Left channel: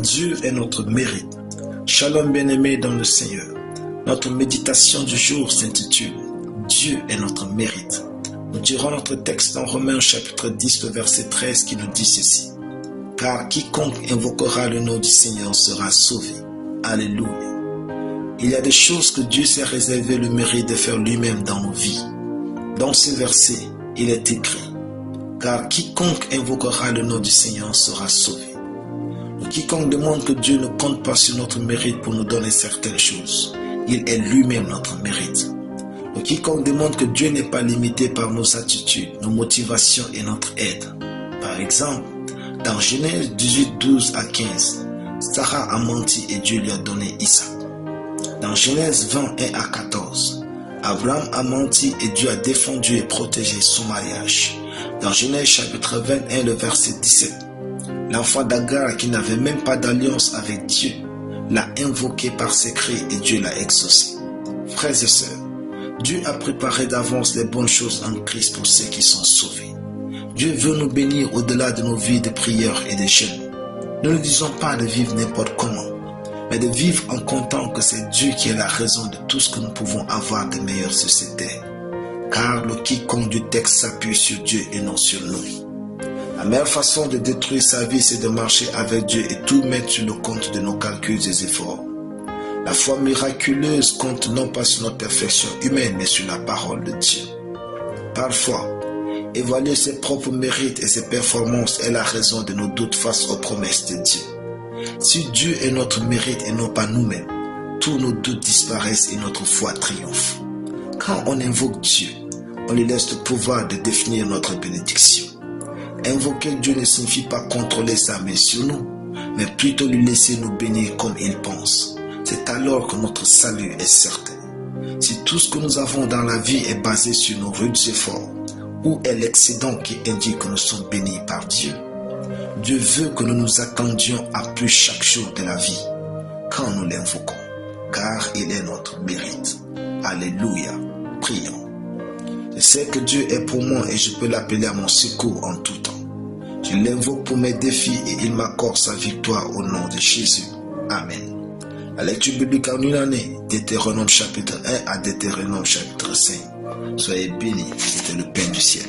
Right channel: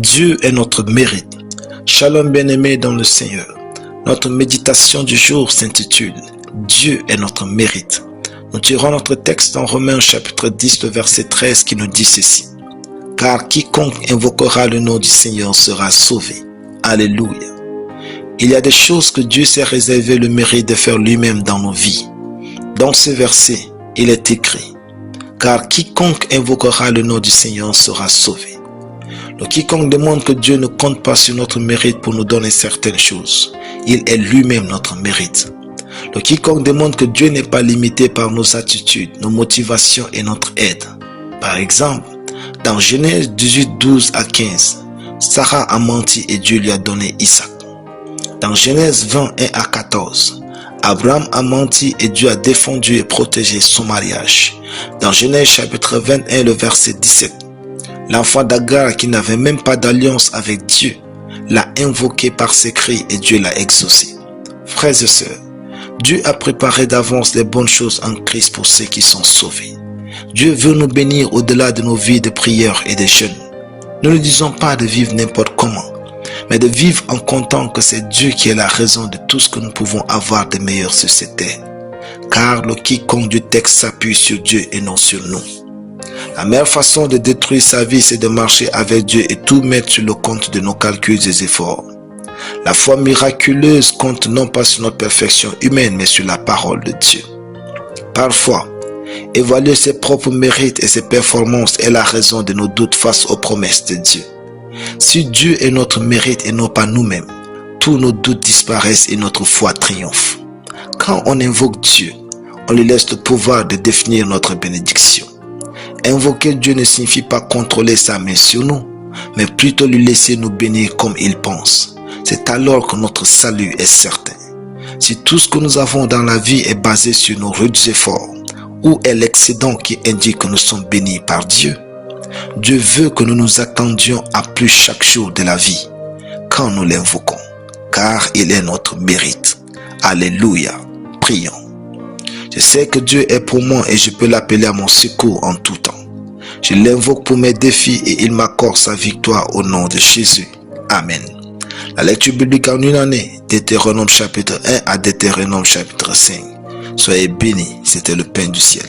Dieu est notre mérite. Shalom bien-aimés dans le Seigneur. Notre méditation du jour s'intitule « Dieu est notre mérite ». Nous tirons notre texte dans Romains chapitre 10, le verset 13 qui nous dit ceci. « Car quiconque invoquera le nom du Seigneur sera sauvé. » Alléluia. Il y a des choses que Dieu s'est réservé le mérite de faire lui-même dans nos vies. Dans ce verset, il est écrit « Car quiconque invoquera le nom du Seigneur sera sauvé. » Le quiconque demande que Dieu ne compte pas sur notre mérite pour nous donner certaines choses. Il est lui-même notre mérite. Le quiconque demande que Dieu n'est pas limité par nos attitudes, nos motivations et notre aide. Par exemple, dans Genèse 18, 12 à 15, Sarah a menti et Dieu lui a donné Isaac. Dans Genèse 21 à 14, Abraham a menti et Dieu a défendu et protégé son mariage. Dans Genèse chapitre 21, le verset 17, l'enfant d'Agar qui n'avait même pas d'alliance avec Dieu l'a invoqué par ses cris et Dieu l'a exaucé. Frères et sœurs, Dieu a préparé d'avance les bonnes choses en Christ pour ceux qui sont sauvés. Dieu veut nous bénir au-delà de nos vies de prière et de jeûne. Ne nous disons pas de vivre n'importe comment, mais de vivre en comptant que c'est Dieu qui est la raison de tout ce que nous pouvons avoir de meilleur sur cette terre. Car le quiconque du texte s'appuie sur Dieu et non sur nous. La meilleure façon de détruire sa vie, c'est de marcher avec Dieu et tout mettre sur le compte de nos calculs et efforts. La foi miraculeuse compte non pas sur notre perfection humaine, mais sur la parole de Dieu. Parfois, évaluer ses propres mérites et ses performances est la raison de nos doutes face aux promesses de Dieu. Si Dieu est notre mérite et non pas nous-mêmes, tous nos doutes disparaissent et notre foi triomphe. Quand on invoque Dieu, on lui laisse le pouvoir de définir notre bénédiction. Invoquer Dieu ne signifie pas contrôler sa main sur nous, mais plutôt lui laisser nous bénir comme il pense. C'est alors que notre salut est certain. Si tout ce que nous avons dans la vie est basé sur nos rudes efforts, où est l'excédent qui indique que nous sommes bénis par Dieu? Dieu veut que nous nous attendions à plus chaque jour de la vie, quand nous l'invoquons, car il est notre mérite. Alléluia. Prions. Je sais que Dieu est pour moi et je peux l'appeler à mon secours en tout temps. Je l'invoque pour mes défis et il m'accorde sa victoire au nom de Jésus. Amen. La lecture biblique en une année, Deutéronome chapitre 1 à Deutéronome chapitre 5. Soyez bénis, c'était le pain du ciel.